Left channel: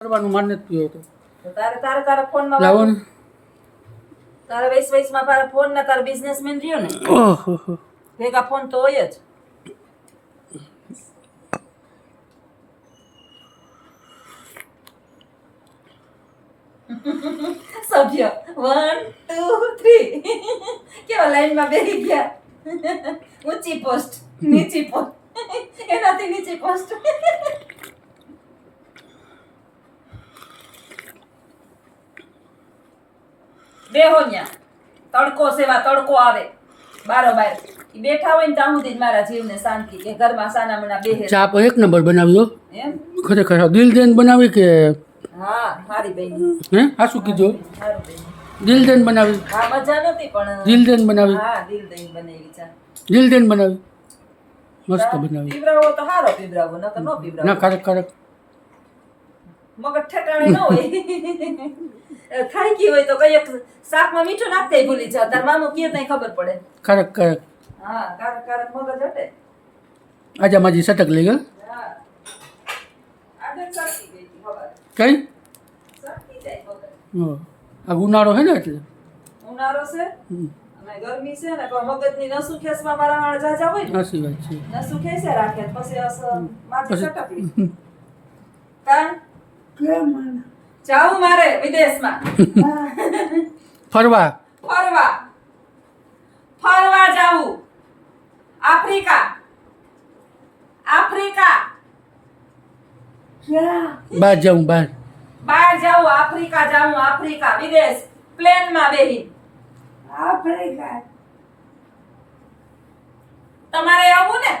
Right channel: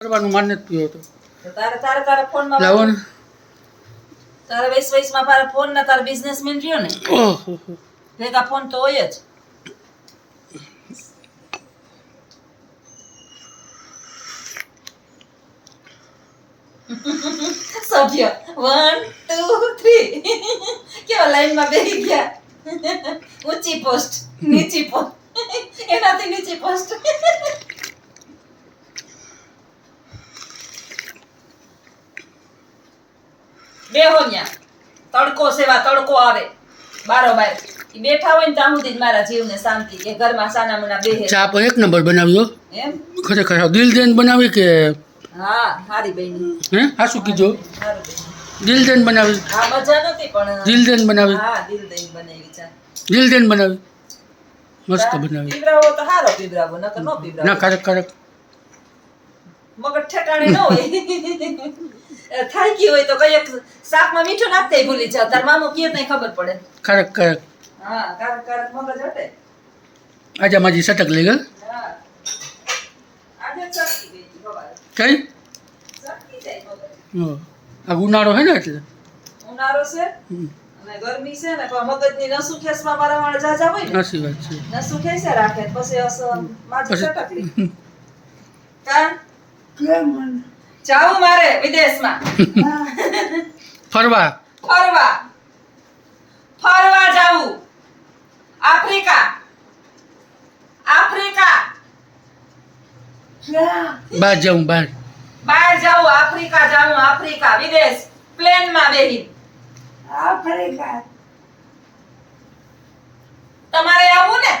કરવાનું માન નથી પીયો તો તો તારા ફોનમાં લાવો ને તારા વૈસમાં તારા ફોન ના તારા બિઝનેસમેન રહ્યો ને ઓહો ભેગા ફોન તો હોય જ સભ્ય 1 2 3 કેવા લાઈનમાં બેસી ગયા ઊંચી પોસ્ટ નીચી પોસ્ટ એનાથી નીચી પોસ્ટ બેહો ન્યા તડકો સેવા તડકો આવે બારોબાર ઈ બેઠા હોય ને ત્યાં સુધી જ મારા જીવને શાંતિ કે ઘરમાં સાના મના બેહે ચા પણ એક નંબર બનાવ્યો એમ ખરેખર દિલ જઈને બનાવી કે હા હારી બેની હે આ શું કીધું હારું બેની દિલ જઈને બનાવી હા મજા નહોતી પણ દિલ જઈને બનાવી હા દિલ દઈને બનાવી ચા દિલ જઈને બનાવી મસ્ત બનાવી પીવરાવો તો હારો પીવરાવો નકર નો પીવરાવો ના ખરેખ ખરેખ મગજ ઠેકાણે ન હોય થાય ગયું હોય તો કઈ શાકમાં મીઠું નાખતે ભૂલી જા તાર મામો કીએ તઈ ખબર પડે ખરેખ ખરેખ હા કારક કારક મગજ હટે આજે માજી સટક લઈ ગઈ હા આજે ચડકી ગઈ ખબર કઈ ચડકી જાય મગજ હો. આ ઉનાળો હે ને એટલે ઉનાળો છે અને ગરમી છે ને પણ મગજની નસુ ખેસમાં મારા વાળ જાજા હોય ને સાચી વાત છે નસુ ખેસે રાખે પછી માજી પછી- સટકલી કા જાવું મારે વિદેશમાં ફરવા ફરવા જાવું આફ્રિકા બહાર જાઉં બહાર બહાર જાવું આફ્રિકા વિદેશ પ્લેનમાં બેહી તમારે આવવું ને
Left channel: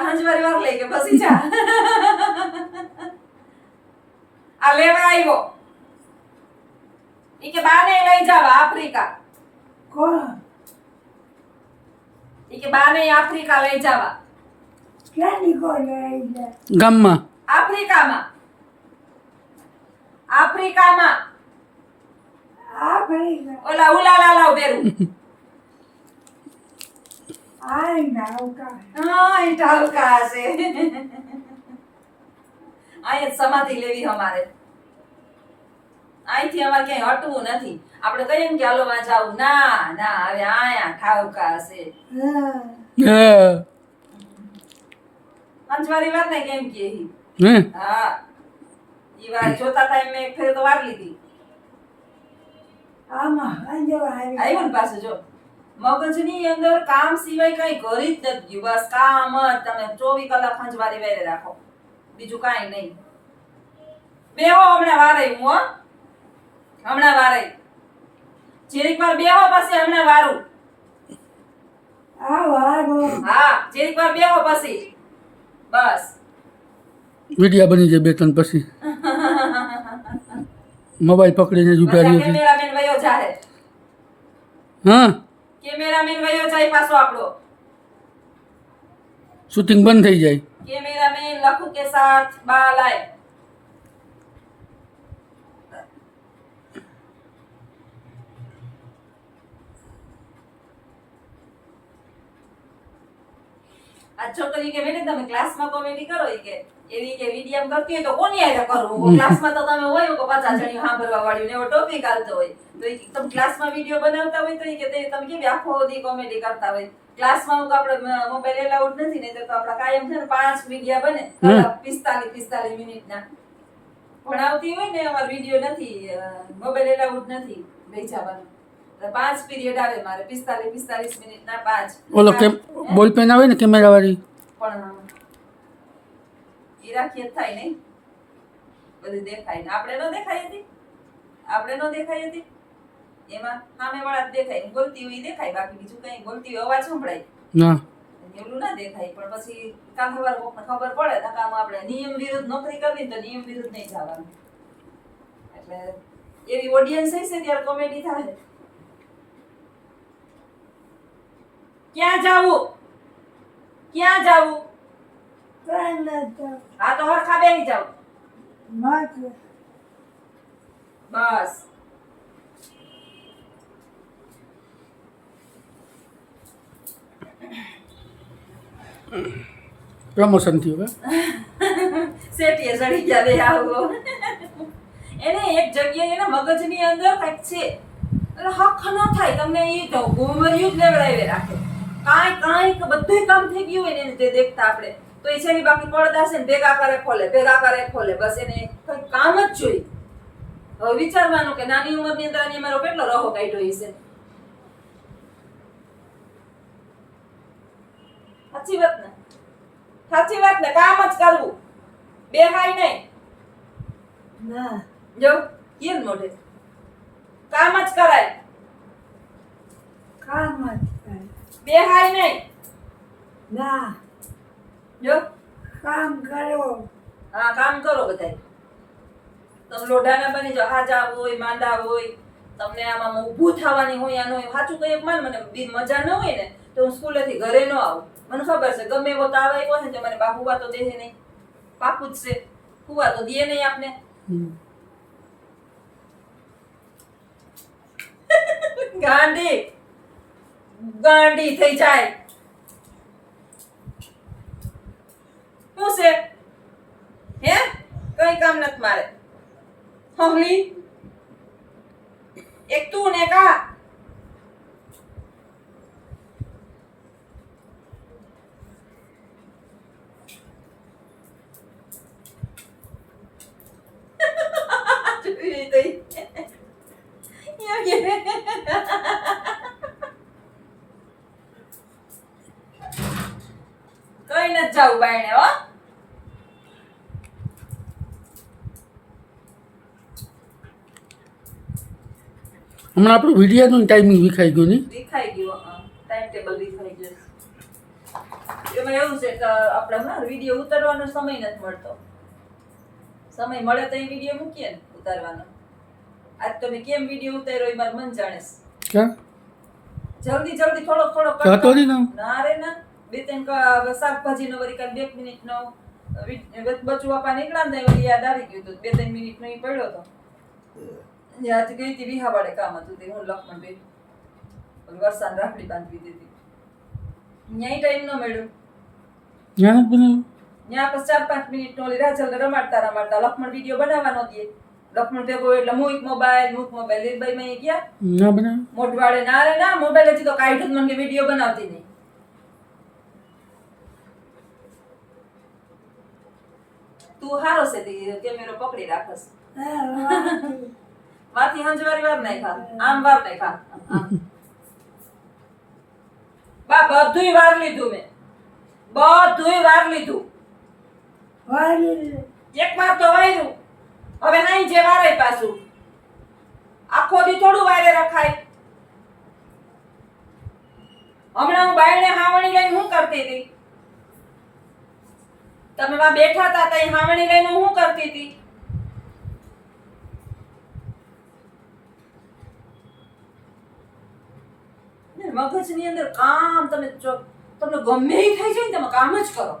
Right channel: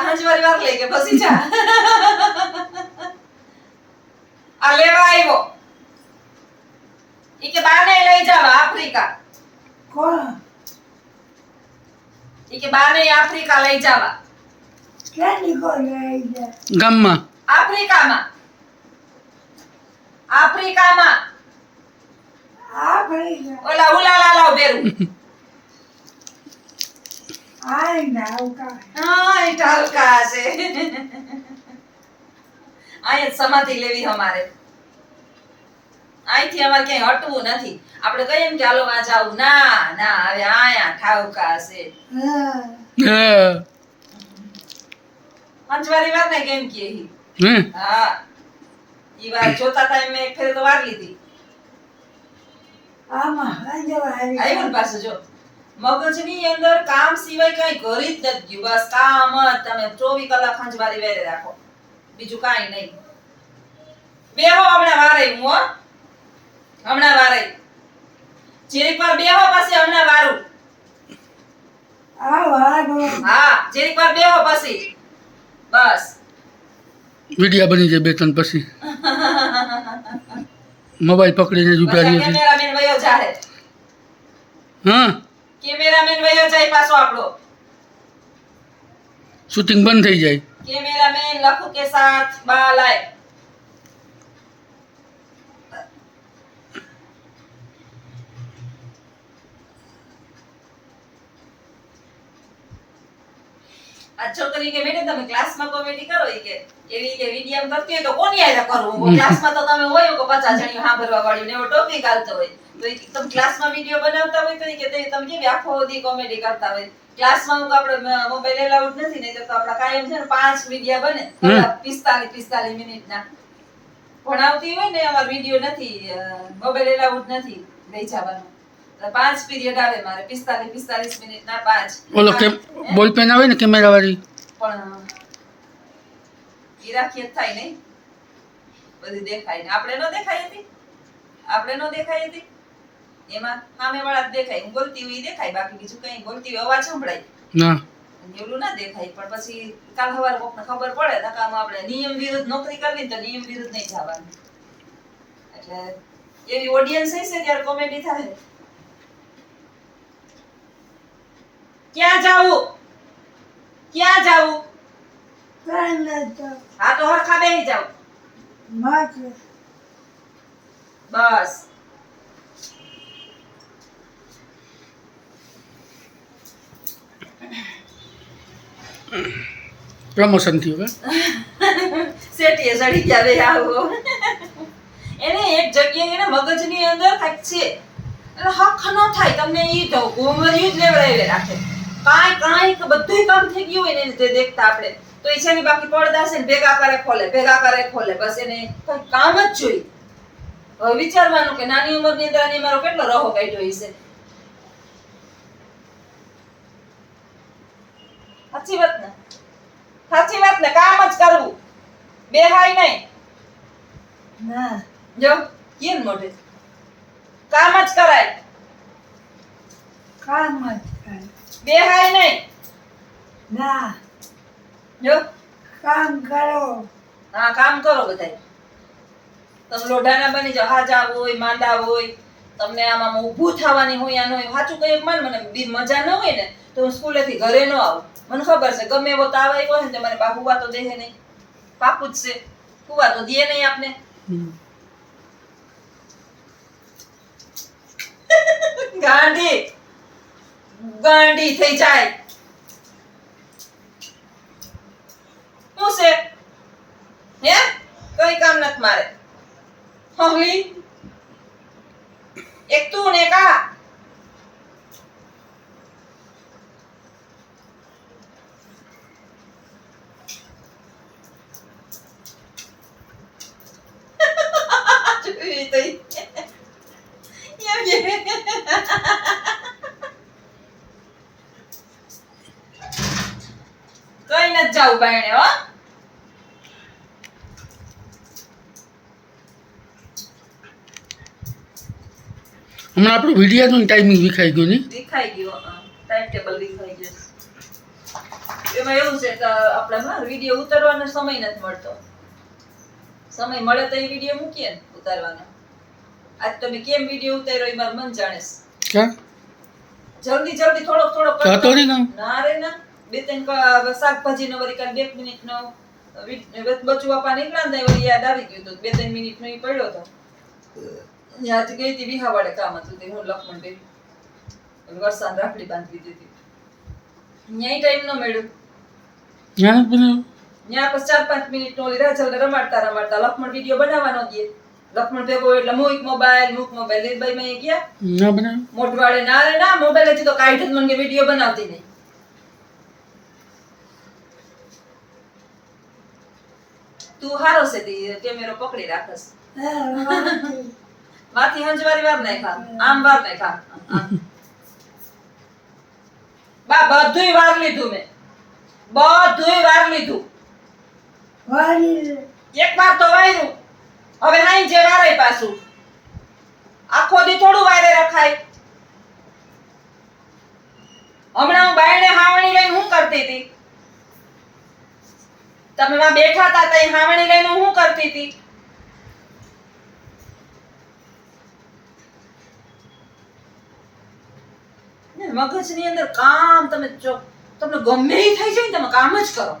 હંજવારી વાર લઈ કે બસી જા આ લેવા આવ્યો ઈ કે બાને લઈ જાવ આફ્રિકા ઈ કે બાને આફ્રિકા લઈ જાવા ગામમાં આફ્રિકામાં ઓલા ઉલાલા લાવ બેરું હા ઈ ટાલકા છે આય સમાધિ લેવી અમારે અહીંથી અમારે ક્યાંય હટવું નથી આપણે કહીએ ને કે હાલો માં જાવું ના હવે આયા ઠાવકા છે હા. પંચવારી વાર ને કેમ કે હે હા ઈ વાર જોતા તા મેં એક ફેર તો વાર લીધી આવ્યું ને પાછું જો મગજની અંદર કામ સિવાય કઈ કરી જ નથી ગયું બસ કામ જ તમે 24 કલાક ખંજવારી વેરે રાખો બીજું કાઈ નહીં બેહો હમણાં વારે હું હો હમણાં વારે જીરીક વાર બેહો પછી હમણાં વારું હા જીરીક વાર બેહો પછી બસ વિડિયા બની જાય બે ત્રણ પછી મોબાઈલ પકડીને જ ઉભા રહીએ છીએ કેમેરામેન વયો જાહે હા કેમેરામેન વયો જાય પાછો આપણો શૂટિંગ બંધ થઈ જાય कैमरामैन लखू के साथ बाल आए આ છોકરી કે મેડમ તમે ક્લાસમાં કોમેડી કરો ઈ કે એવી કે વિડિયમ કરતી હોય તો કોની આરે કરું ક્લાસમાં તો તમે હોય કે 50 જણી સાંભળવા વાળી ને એવો ટોપિક આલતો હોય તો ઈ તમે ક્લાસમાં વિડિયો બનાવતા હોય તો ઈ કે તમે કેવી આખો દી કોમેડી કરતા હોય ક્લાસમાં હું આપણે મોબાઈલ એલાઉડ નથી નહીં તો આપડા કાયમ છે ને 5 વિડિયા બને 45 મિનિટના ભણાવતી હોય ને અમાર વિડિયો નથી મોબાઈલ એલાઉડ નથી લઈ જવાનું 5 પીરિયડ આવે મારે 45 મિનિટના 5 ઓલો કે બોલ પેન આવે ને કેમેરા વાળી પણ ઈ રાખીએ જ થાય નહીં બધી દેખાય ને આપણે નો દેખાય હતી એમાં સામે વાળા જ દેખાય હું બોલતી હોય ઈ દેખાય બાકી બીજું કઈ બોલતી હોય અવાજ સંભળાય ના એવું ના દેખાય પણ પછી કાલ સવારે કોકને ખબર પડે નકામ આપણે નિયમ વિરુદ્ધ નોકરી કરવી ને તો નિયમ વિરુદ્ધ નહીં જવાનું એટલે એવી ઓડિયન્સ હશે ત્યારે કોમેડી થાય ક્યાં જાવું હા તો હરખા બેહી જાવ બસ પ્રમોશન થયું કે શેઠીએ ચડી ગયા બે આવો એને એક જગ્યાએ એને મગજની અંદર કાંઈક છે એટલે હક ન થાય તમને ઈ તો ગોમર્યું જ લેવડાવી રાખે કાંઈક બધુંય કામ થઈ ગયું હોય ને એને તે દેખતા આપણે તો એ છે ને બાકી પડદા છે ને ભેગા કરે ખોલે બસ એને કંઈ કામ જ જોઈએ હવે વિચારવાનું કે નાની ઉંમરની અંદર આની મારો કેટલો રહો કાઢ્યો હશે સાચી વાત ને કામ જ કરવું બેહાય નહીં ના જો કેમ મોઢે કામ જ કરાય કામ જ કરે બેહાય નહીં ના જો કામ કરો હા કામ કરો બધાય તમે લોઢાના બની જાઓ હાજા હોય માંદા હોય તમને આમાં ઊભું થવાની હોય આનો હોય સાચું કઈ માન મને મજા ન હોય ને તો હું સ્કૂલેથી ઘરે ન આવું મને ખબર છે ગમે એવો તાવ આવ્યો હોય ને તો મને બા હુવા તો દેહે નહીં પાકું જ છે હુવા તો દે નહીં આપને ગાંડી થઈ જાય શું છે હે કઈ કામ નથી મારે હમલી એક તું ને કા કઈ નથી જાવું બાયણે હો હમણાં આપણું વિડીયોનું ટાઈમિંગ વિખાઈ ગયું નહીં દેખાઈ ગયો ટાઈમ ટેબલ દેખાઈ ગયો એમાં એવું છે કે આપણે હા વિડીયો ઉતારવાનો સમય નથી મળતો સમય મળે તો એ વિડીયો મૂકીએ ને ઉતારવાનો આજ તમે કેમ વિડીયો ઉતાર્યો એ મારું મન જાણે છે ક્યાં જલ્દી થોડોક જતો રહી ગયો? ના રે ના બે ત્રણ શાકભાજીનો વળી કાલ 2 મિનિટનો બચુ આપા નીકળ્યા ને વળી યાદ આવી ગયું તો 2-3 મિનિટનો ઈ પડ્યો તો યાદ ગઈ હતી વિહાવાડે કામ હતું તે હું લખમણ બે વરસાદ રાખડી બાંધવી દીધી ન્યાય ટાઈમ ન મળ્યો ત્યાં નથી બનાવ્યું? ન્યા પછી 4-5 મિનિટ નો ઓલી રાજલ રમાડતા લક્ષ્મણ વિડીયો બનાવવાનો દે લક્ષ્મણ ભેગો એટલે મૂક મોબાઈલ લીલબાઈ માં ગયા ના બનાવ્યું? મોઢવાડે ના રે ના મોબાઈલ હજી તો કાઢ્યો જ મને કે વિડીયો બનાવતી નહીં તું હારો છે તે કેમેરો પકડી રાખસ વાથી હંજવારી વાર નહીં ખા આમ વાર નહીં ખા બા બધુંય વાર લીધું મેં બધુંય વાર લીધું એક વાર તો વાયરું હવે હાઈ જે વારાય પાછું આખો દી થોડું વારે રખાય હમણાં હું બાયણે હાવણી લઈને હું કરતી હતી તમે માં બેઠા હતા તઈ હાવણી લઈને હું કરતી હતી મગજની અંદર કામ તમે જો તમને ગમે ઈ થઈ જાય ને તમે કામ જ કરો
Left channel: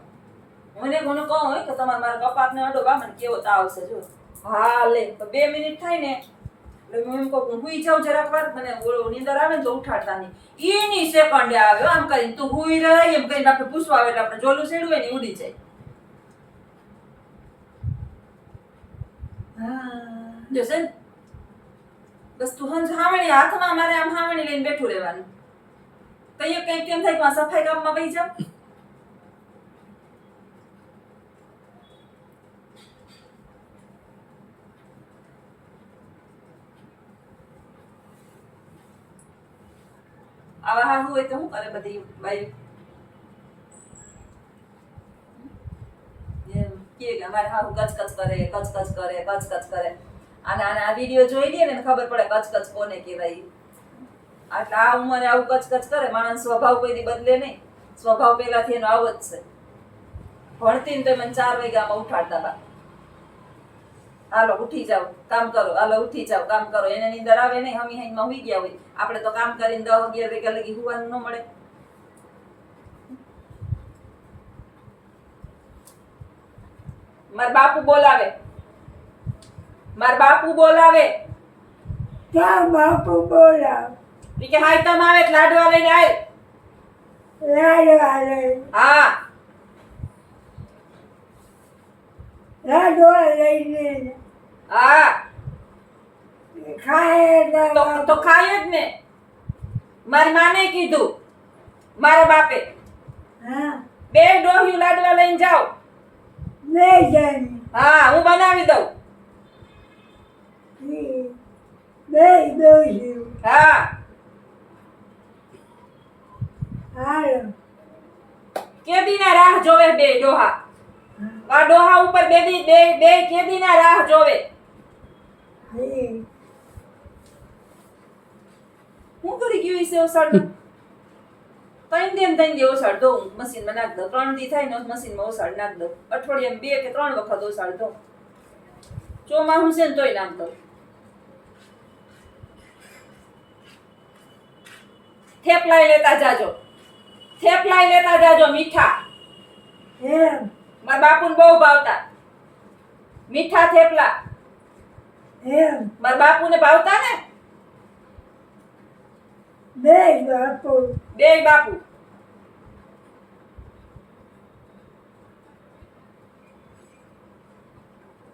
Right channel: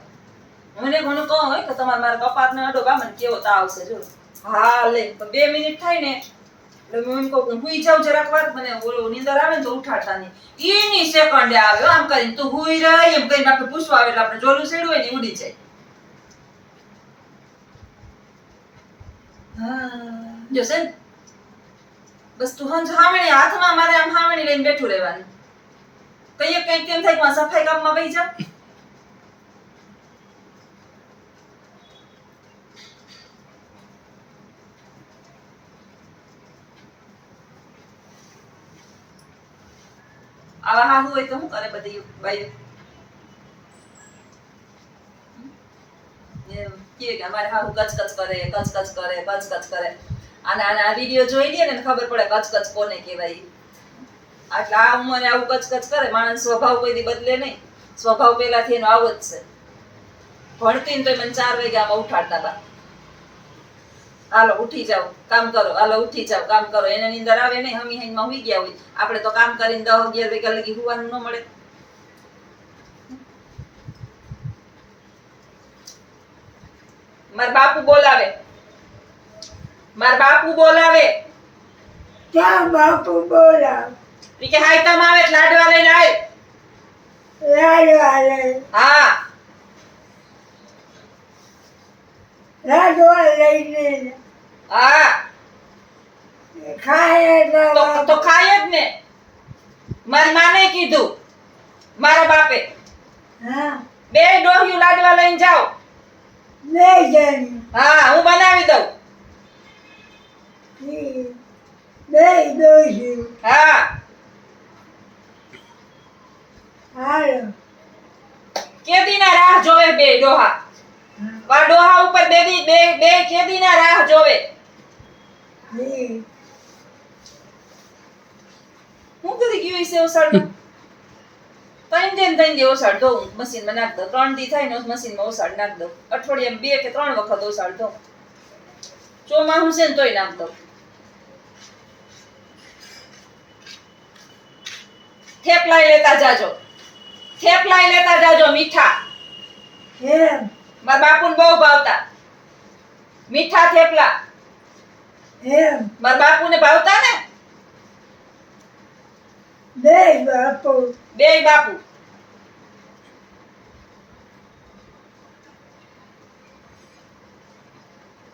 મને કોને કહો હોય કે તમારે મારા કપાતને અડો બા મને કેવો તાવ છે જો હા લે 2 મિનિટ થાય ને એટલે હું એમ કહું હુઈ જાઉં જરાક વાર મને ઓલો નીંદર આવે ને તો ઉઠાડતા નહીં એની સેકન્ડે આવે આમ કરીને તું હુઈ રહી એમ કરીને આપણે પૂછવા આવે એટલે આપણે જોલું સેડું હોય ને ઉડી જાય જો છે બસ તું હંજ હાવણી હાથમાં મારે આમ હાવણી લઈને બેઠું રહેવાનું કઈ કઈ કેમ થાય કે આ સફાઈ કામમાં વહી જાવ આવા હાહુ હોય તો શું કરે બધી બાઈ કે અમારે હાહુ કચકચ કરે અને આ વિડિયો જોઈ લે ને ખબર પડે કચકચ કોને કહેવાય એટલે આ ઉંમરે આવું કચકચ કરે માણસ સ્વભાવ કોઈ દી બદલે નહીં સ્વભાવ પહેલાથી એનો આવો જ છે ભણતી ને તો મને 4 વાગ્યામાં ઉઠાડતા બા હાલો ઉઠી જાવ કામ કરો હાલો ઉઠી જાવ કામ કરો એને નીંદર આવે નહીં હમી હાઈમાં હુઈ ગયા હોય આપણે તો કામ કરીને 10-11 વાગ્યા લગી હુવાનું ન મળે માર બાપુ બોલાવે ક્યાં બાપુ બોલાવ ઈ કે હાય તમ આવે એટલે લાડવા લઈને આય લાડવા લઈ હા લાડવા લઈને હા ખાય એટલે તો ખાય જ ને. મારી માને કીધું, મારા બાપે, હા બે ડોહ્યું લાડવા લઈને જાઓ. બે જણ હા, હું બનાવી દઉં. બે દોસ્યું હા, હાલો કેદીના રાહ જોવે બે ડોહા. આ ડોહા ઉપર બે કેદીના રાહ જોવે. હું કરી ગયું છે ઓસાડમાં? ત્રણ દે ઓસાડ દઉં, મશીનમાં નાખ દઉં. 3 દી થાય ને મશીનમાં ઓસાડ નાખ દઉં. અઠવાડિયામાં 2 કે 3 વખત ઓસાડ દઉં. ચોમાસું છે ને તોય નાખ દઉં. થેપલાય લેતા જાજો, થેપલાય લેતા જાજો મીઠા. એમ મારા બાપુને બહુ ભાવતા મીઠા થેપલા. એમ મારા બાપુને ભાવતા ને. બે બાપુ બેય બાપુ.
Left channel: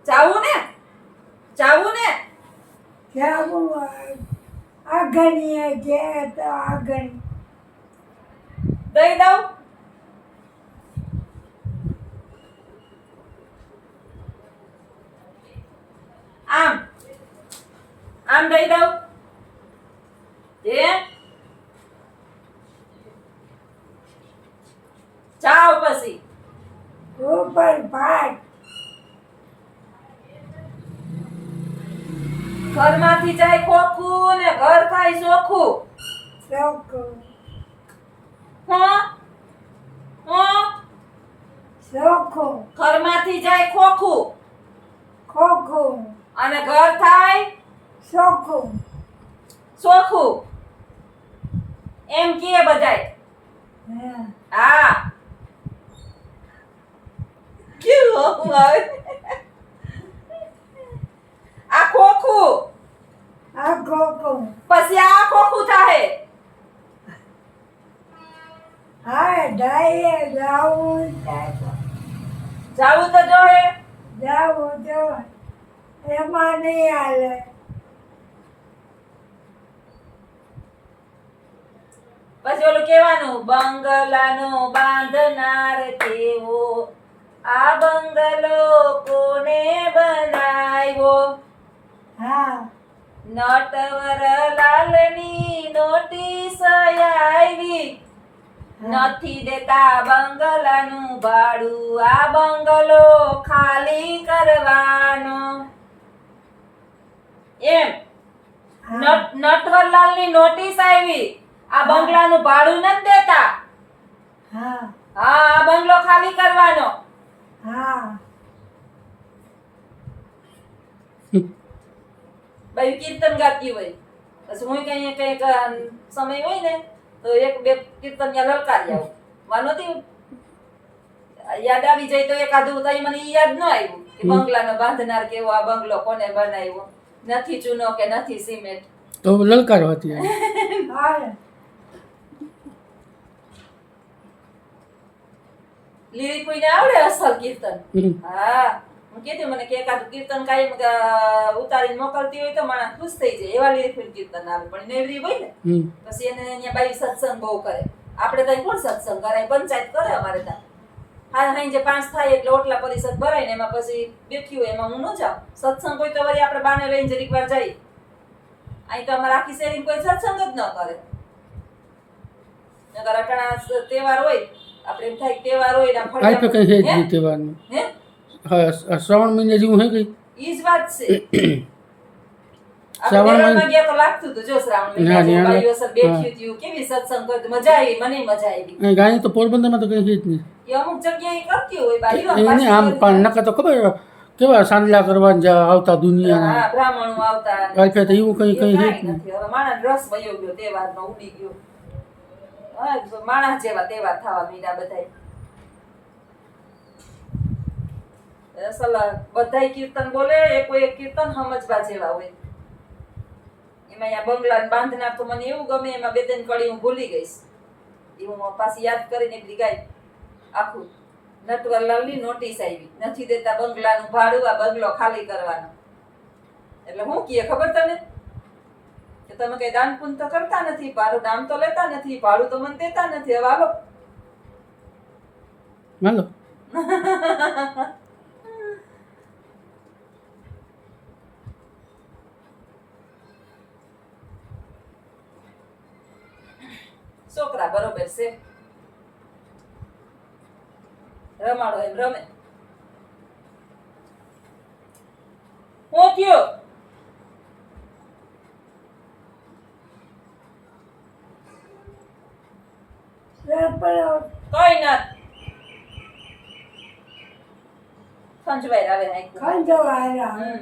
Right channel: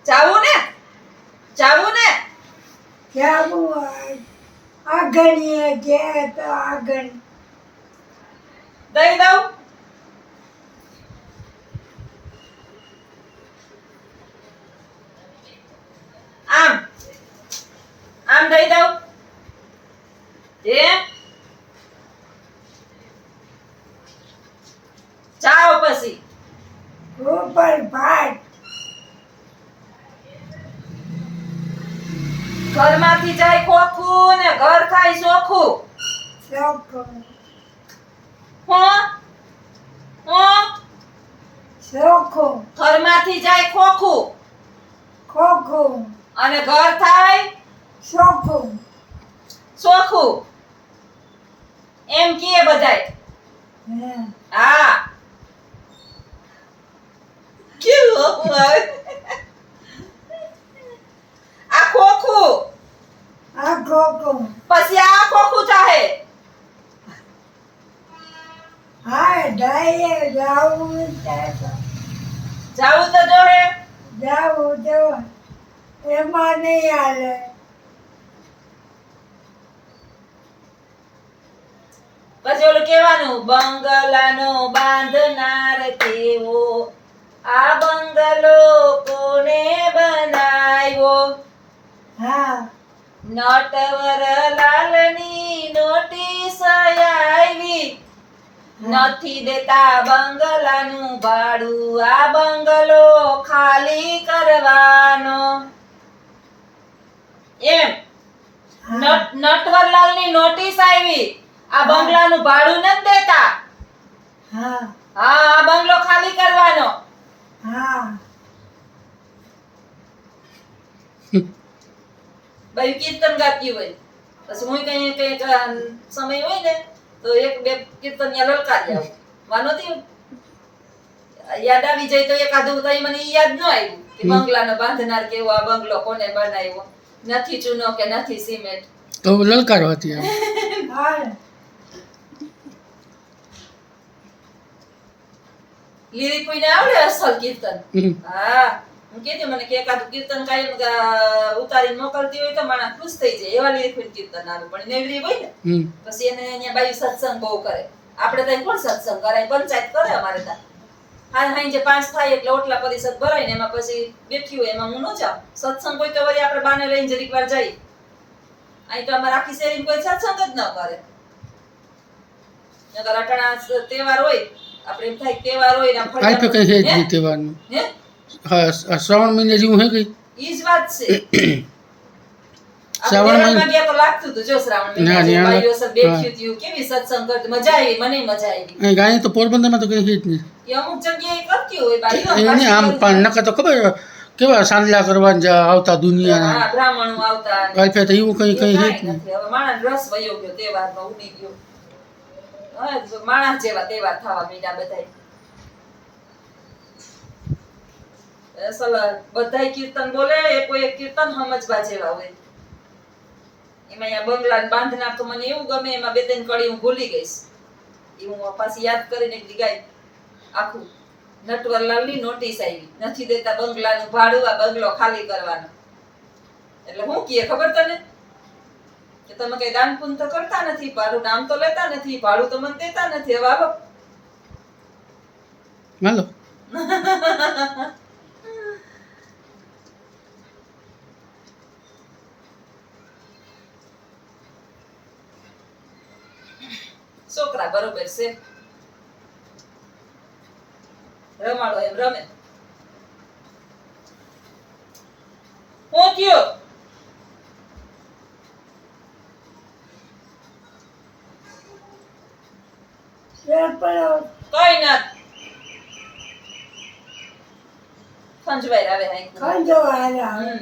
જાવું ને ક્યાં આગળીએ ગયા તો આગળ દઈ દઉં. આમ દઈ દઉં. જાઓ પછી. ઉપર ભાત ઘરમાંથી જાય ખોખું ને ઘર થાય ચોખ્ખું. ચોખ્ખો હો ચોખ્ખો ઘરમાંથી જાય ખોખું ખોખો અને ઘર થાય ચોખ્ખો ચોખ્ખું. એમ કહે બધાય. હા, કેવું આવે? આ ખોખું આ ખોખો પછી આ ખોખું થાય. હા ડાયે જાવું જાવું તો જોહે. જાવું તો એમાં નહીં હાલે પછી ઓલું કહેવાનું, બંગલાનો બાંધનાર તેવો, આ બંગલો કોને બનાવ્યો? હા નટવરલાલની નોટિસ આવી, નથી દેતા બંગલાનું ભાડું, આ બંગલો ખાલી કરવાનો. એમ નટવરલાલની નોટિસ આવી, આ બંગલાનું ભાડું નથી દેતા. હા હા, આ બંગલો ખાલી કરવાનો. હા ભાઈ કીર્તન ગાતી હોય, પછી હું કઈ સમય હોય ને તો એક બે કીર્તન યા લલકારી આવું. માનોતી યાદ આવી જાય તો એકાદું તો મને ઈ યાદ ન આવ્યું કે બંગલાનો બાંધનાર કેવો, આ બંગલો કોને બનાવ્યો, નથી ચૂનો કે નથી સિમેન્ટ. તો લલકારો હતી એમ. હા લીરી કોઈને આવડે અસલ કીર્તન? હમ. હા, હું કીધું મને કે એકાદું કીર્તન કાયમ ઉતારીને મોકલતી હોય તો માણસ ખુશ થઈ જાય. એવા લીરી કોઈ કીર્તન આવે, પણ નેવરી હોય ને પછી એને અહીંયા બાઈ સત્સંગ બહુ કરે. આપણે ત્યાં કોણ સત્સંગ કરે? પંચાયત કરે અમારે ત્યાં. હા, જે 5 થાય એટલે ઓટલા પરિષદ ભરાય ને એમાં પછી બેઠી હોય, એમાં હું ન જાઉં. સત્સંગ હોય તો વળી આપણે બાને લઈને જરીક વાર જઈએ. અહીં તો અમારે આખી શેરીમાં કોઈ સત્સંગ જ ન કરે. નકર અટાણા તહેવાર હોય, આપણે એમ થાય તહેવાર હોય ને આમ આ તો કઈ છે જ હે? નહીં તહેવારનું. હે? હા, આ શ્રાવણ મહિને જેવું હે કઈ. ઈ જ વાત છે. શ્રાવણ આપણે મહિને- તહેવારમાં ગયા તો લાગતું હતું, જો શ્રાવણ ના, મહિના ત્યાં બાઈઓ સબ બેઠ્યું હા. થયું, કેવી સત્સંગ કરતી, મજા આવી, મને મજા આવી. અહીં ગાય તો પોરબંદરમાં તો કઈ છે જ નહીં. એ અમુક જગ્યાએ કરતી હોય બાઈઓ, એને આમ પણ નકર તો ખબર કેવા સાંદલા કરવા આવતા દુનિયા હા, બ્રાહ્મણો આવતા. વાઈફે તો એવું કઈ એ કઈ છે જ કાંઈ નહીં. નથી. હવે માણસ રસ વયો ગયો, તહેવારમાં ઉડી ગયો. હા, માણસ જેવા તહેવાર થવા માંડ્યા બધાય. અસલ બધાય કીર્તન બોલે, કોઈ એક કીર્તન સમજવા જેવા હોય. એમાં અહીંયા બંગલા બાંધનાર તો મને એવું ગમે, એમાં 2-3 કડી હું ભૂલી ગઈશ. એ હું પાછી યાદ કરીને એક દી ગાઈ આખું. નટવરલાલની નોટિસ આવી નથી દેતા બંગલાનું ભાડું આ બંગલો ખાલી કરવાનો એટલે હું કહે ખબર તને કે તમે કઈ દાન પુण्ય તો કરતા નથી મારું નામ તો લેતા નથી ભાડું તો મને દેતા નથી હવે હાલો હાલો છોકરા બરોબર છે રમાડો એમ રમે હું થયો વેપળો કઈ ના ખંજવાઈ આવે હાઈ ખંજવાળા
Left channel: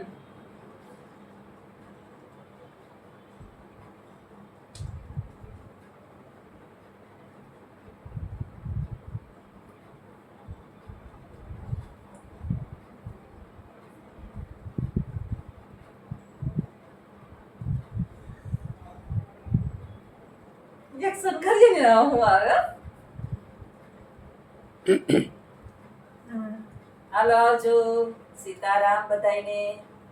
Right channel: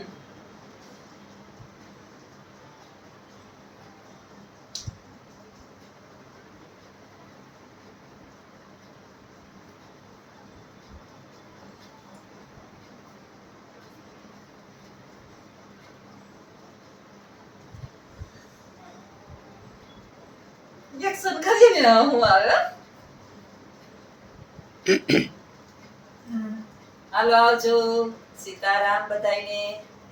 એક્શન કરીએ ને હું આવે હાલો આવજો સીતારામ બધાયને